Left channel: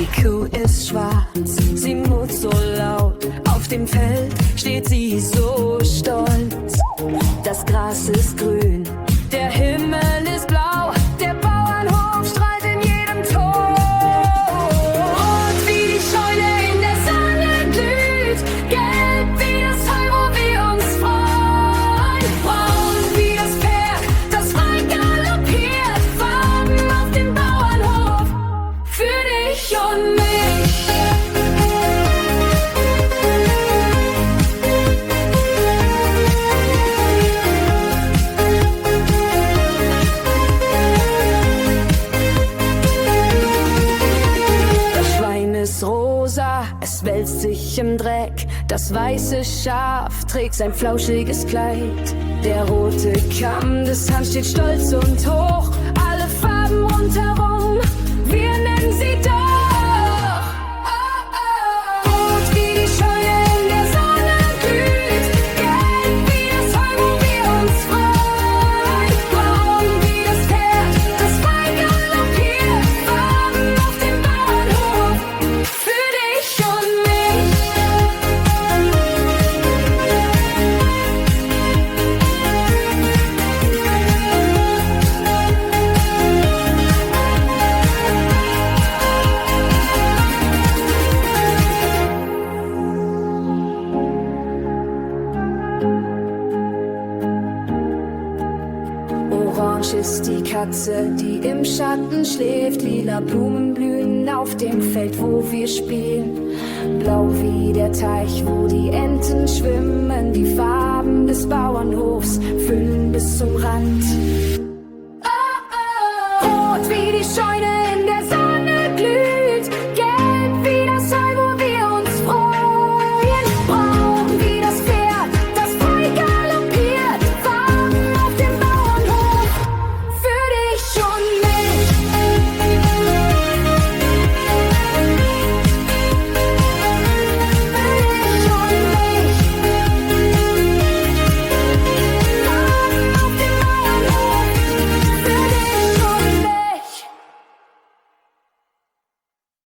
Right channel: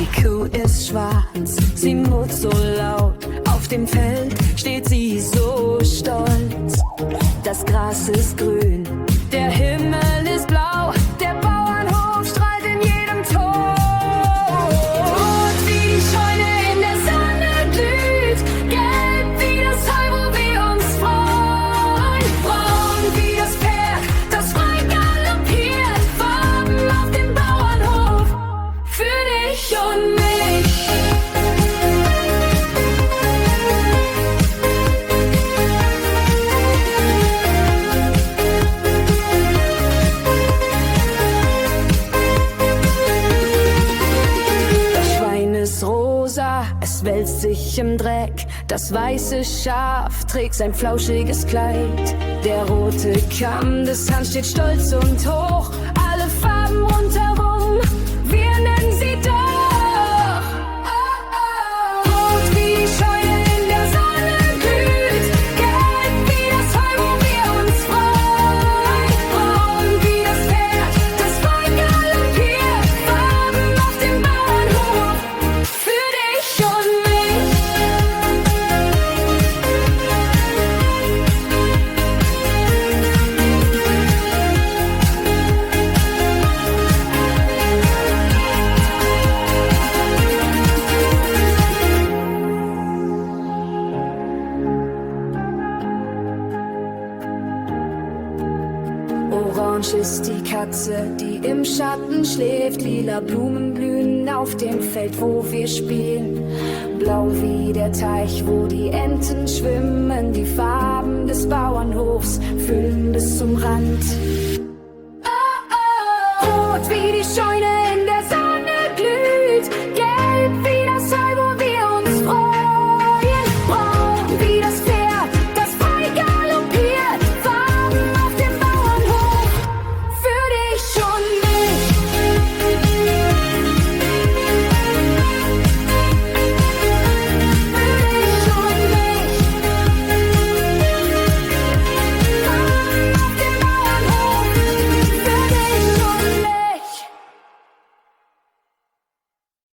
Die Kuh ist schwarz, sie murrt so laut. Auf dem Feld steht sie so stolz. Das Gras ist grün, der Himmel ist blau. Der Bauernhof strahlt in jedem Ton. Rot wie die Scheune in der Sonne glüht, gelb wie das Heu, wo wir uns freuen. Braun wie das Pferd, das frei galoppiert. Farben auf dem Bauernhof für dich und mich. Das Schwein ist rosa, es wälzt sich im Dreck. Das weiße Schaf trägt sein flauschiges Kleid. Der rote Kamm des Hahns steht stolz und hoch. Alle Farben rundherum, wir nennen sie doch. Rot wie die Scheune in der Sonne glüht, gelb wie das Heu, wo wir uns freuen. Braun wie das Pferd, das frei galoppiert. Farben auf dem Bauernhof für dich und mich. Orange ist die Katze, die im Schatten schläft. Lila Blumen blühen auf dem Feld, wo wir spielen. Blau wie der Teich, wo die Enten schwimmen. Die Farben des Bauernhofs füllen bis zum Rand. Rot wie die Scheune